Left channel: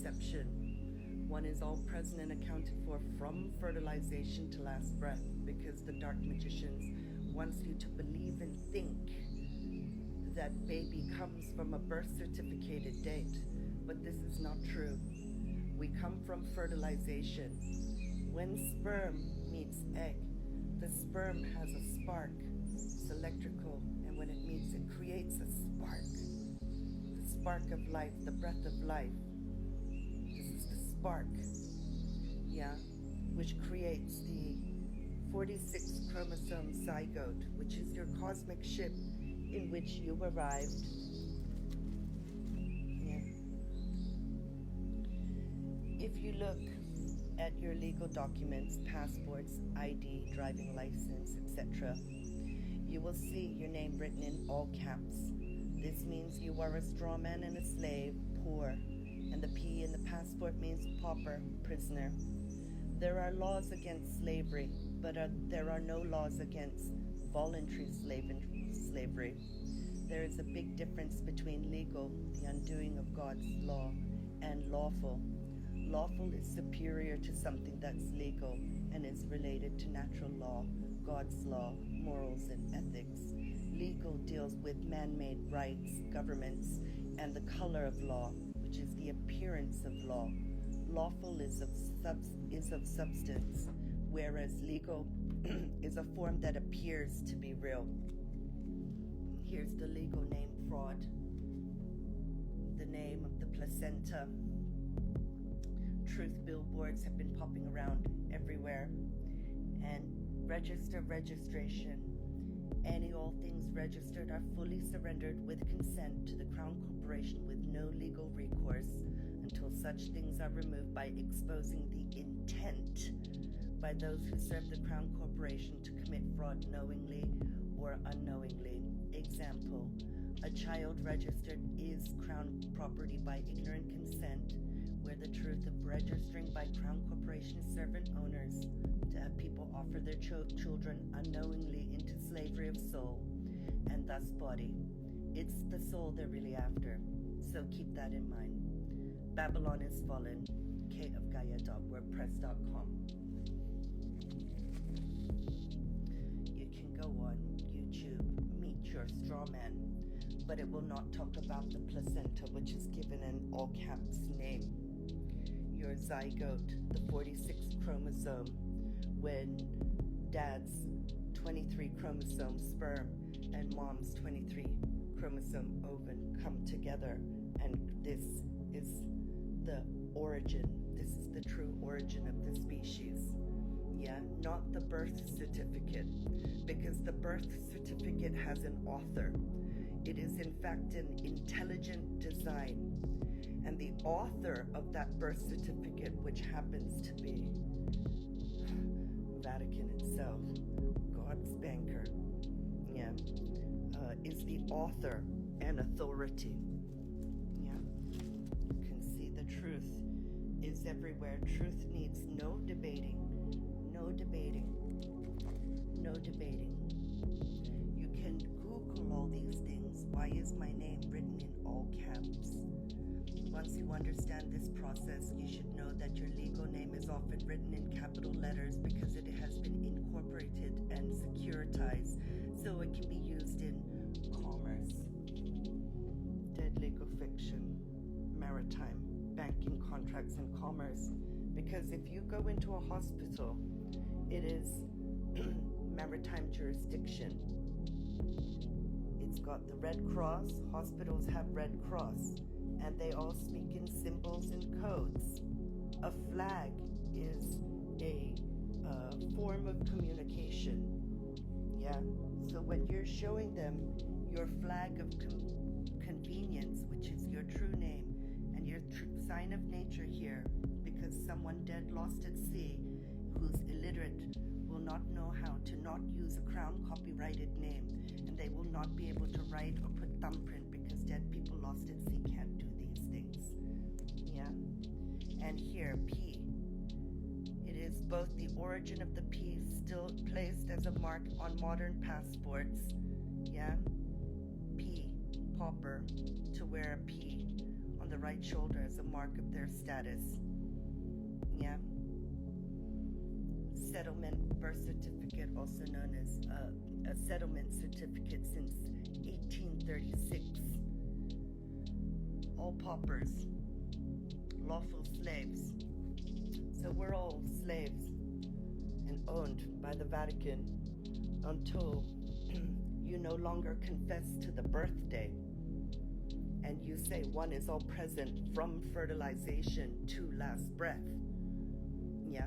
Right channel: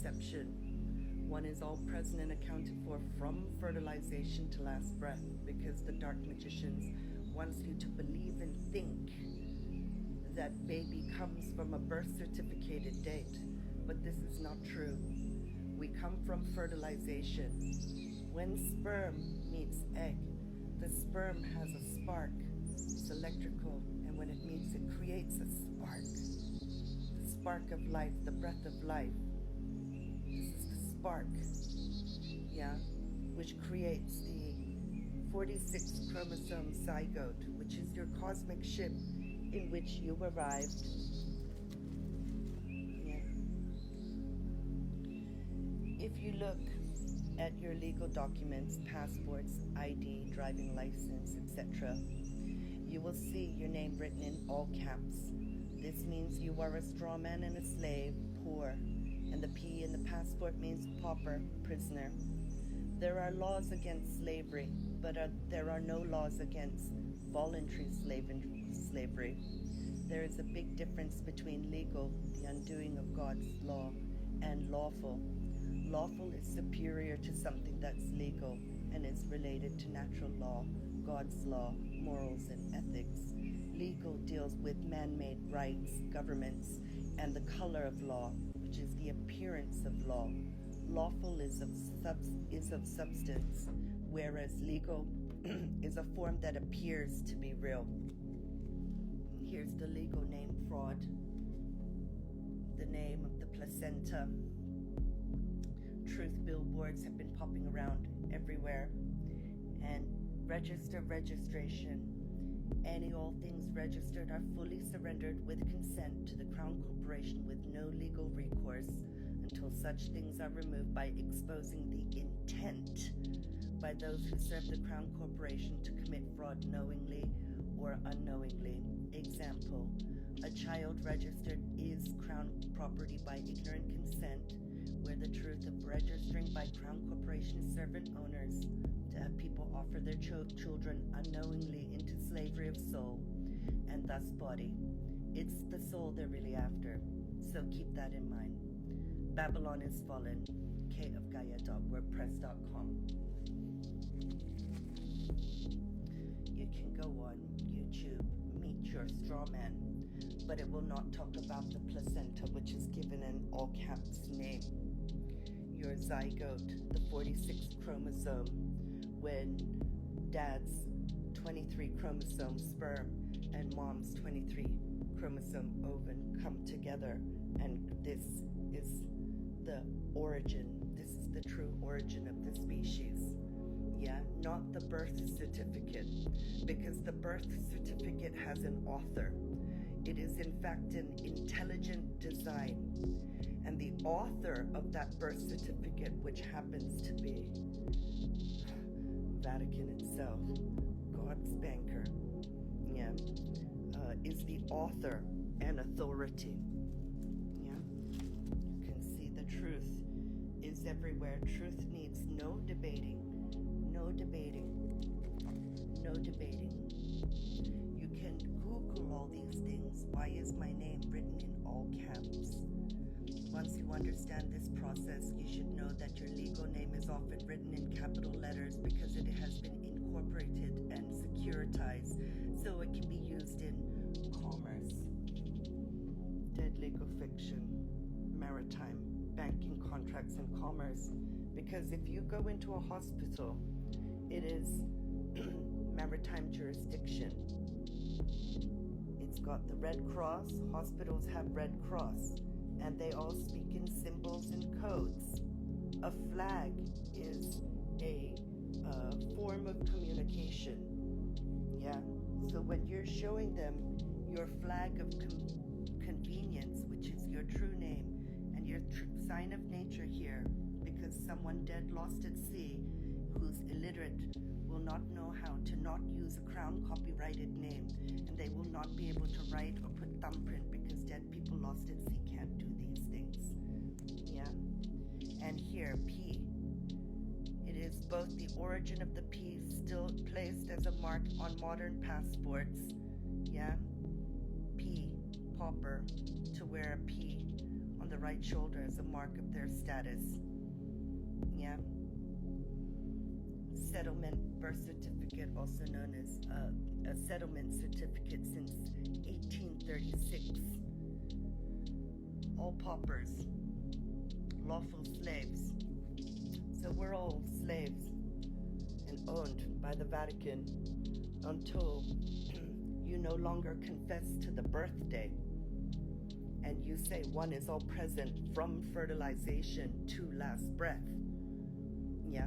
conception. One is all present and accounted for from fertilization to last breath, because the dark magicians wants you to believe and think that baby comes from a birth certificated date, but this is not true. We come from fertilization. When sperm meets egg, the sperm has a spark. It's electrical, and when it meets, it creates a spark. The spark of life, the breath of life. This is the spark, yeah, which creates the 46 chromosome zygote, which is your cosmic ship in which you arrived. Yeah. If you look at your legal documents, passports, ID, driving license, etc., you will see your name written in all caps. This means you are a straw man and a slave, poor, and the P in the passport means pauper, prisoner. There are laws against slavery, but there are no laws against voluntary slavery. There is a big difference between legal, the undoing of God's law, and lawful. Lawful is superior to something that's legal and is related to natural law, God's law, morals, and ethics. Legal deals with man-made rights, governments, and the color of law, which is the appearance of law. Lawful is of substance, whereas legal is a form that appears to be real. Here's the legal name: fraud. The name of the placenta. Truth billboards have been popping around everywhere. And registration. Any all things registered are fully surrendered with consent to the Crown Corporation with no legal recourse until such things are removed by exposing the intent by those who serve the Crown Corporation to commit fraud knowingly or unknowingly. Example, a child registered is Crown property by ignorant consent, where the truth of registering by Crown Corporation servant owners to have people offer their children unknowingly into slavery of soul and thus body. It's the soul they're really after, so keep that in mind. Babylon is fallen. kofgaia.wordpress.com. You can go on YouTube, Meet Your Straw Man, but it will not talk about the placenta, which is given in all caps name. Your zygote, the 46 chromosome, when dad's 23 chromosome sperm and mom's 23 chromosome ovum come together, and this is the origin. This is the true origin of the species. Yeah, not the birth certificate, because the birth certificate has an author. It is in fact an intelligent design. And the author of that birth certificate, which happens to be Vatican itself, God's banker, yeah, is the author and authority. Yeah, you can see the truth is everywhere. Truth needs no debating. No debating. No debating. You can Google all these things. Why is my name written in all caps? Once you understand this process, you should know that your legal name is often written in capital letters because it has been incorporated and securitized, so it can be used in commerce, dead legal fiction, maritime, banking contracts, and commerce. Because if you go into a hospital, it is maritime jurisdiction. It's got the Red Cross. Hospitals have Red Cross, and they all speak in symbols and codes. A flag is a form of communication. Yeah. So when you're showing them your flag of convenience, which is your true name, and your sign of nature here, because someone dead lost at sea who's illiterate will not know how to not use a Crown copyrighted name, and they will not be able to write or put thumbprint because dead people lost at sea can't do these things. Yeah. And here, P. It is both the origin of the P still placed as a mark on modern passports. Yeah. P, pauper, to wear a P on the right shoulder as a mark of their status. Yeah. Settlement birth certificate, also known as a settlement certificate since 1836. All paupers, lawful slaves. So we're all slaves and owned by the Vatican until you no longer confess to the birthday and you say one is all present from fertilization to last breath. Yeah.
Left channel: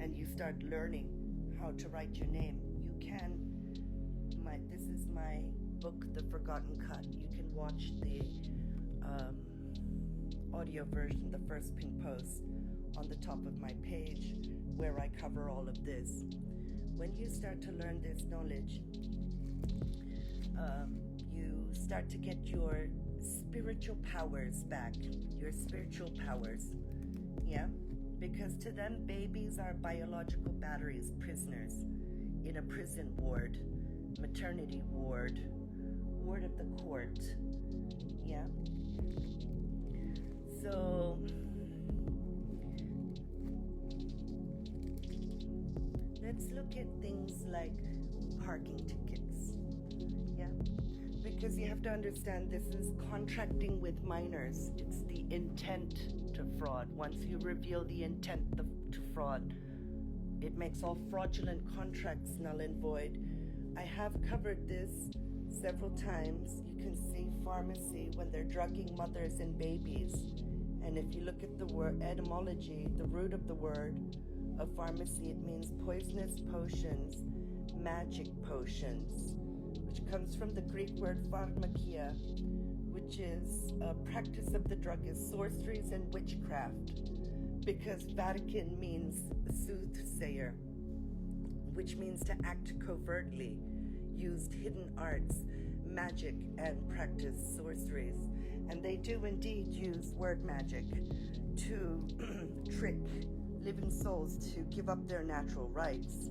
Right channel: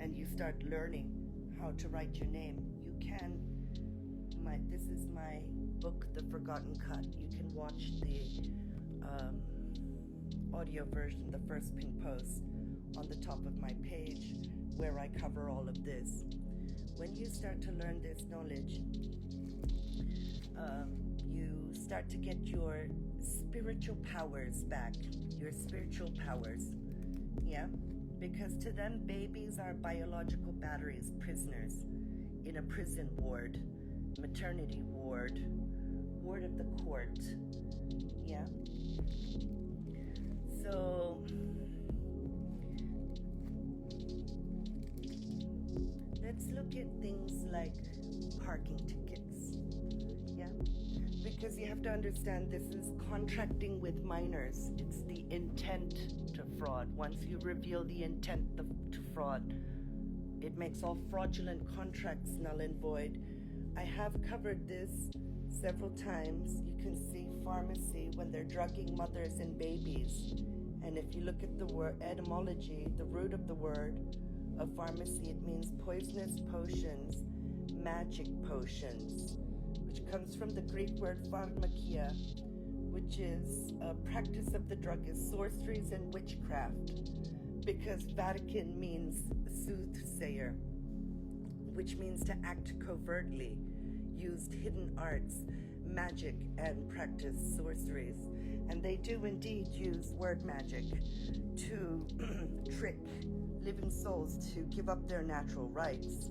And you start learning how to write your name. You can, this is my book, The Forgotten Cut. You can watch the audio version, the first pin post, on the top of my page, where I cover all of this. When you start to learn this knowledge, you start to get your spiritual powers back, your spiritual powers, yeah? Because to them, babies are biological batteries, prisoners in a prison ward, maternity ward, ward of the court, yeah? So, let's look at things like parking tickets, yeah? Because you have to understand this is contracting with minors. It's the intent to fraud. Once you reveal the intent to fraud, it makes all fraudulent contracts null and void. I have covered this several times. You can see pharmacy when they're drugging mothers and babies. And if you look at the word etymology, the root of the word of pharmacy, it means poisonous potions, magic potions, which comes from the Greek word pharmakia, which is a practice of the druggist, sorceries and witchcraft, because Vatican means soothsayer, which means to act covertly, used hidden arts, magic, and practice sorceries. And they do indeed use word magic to trick living souls to give up their natural rights.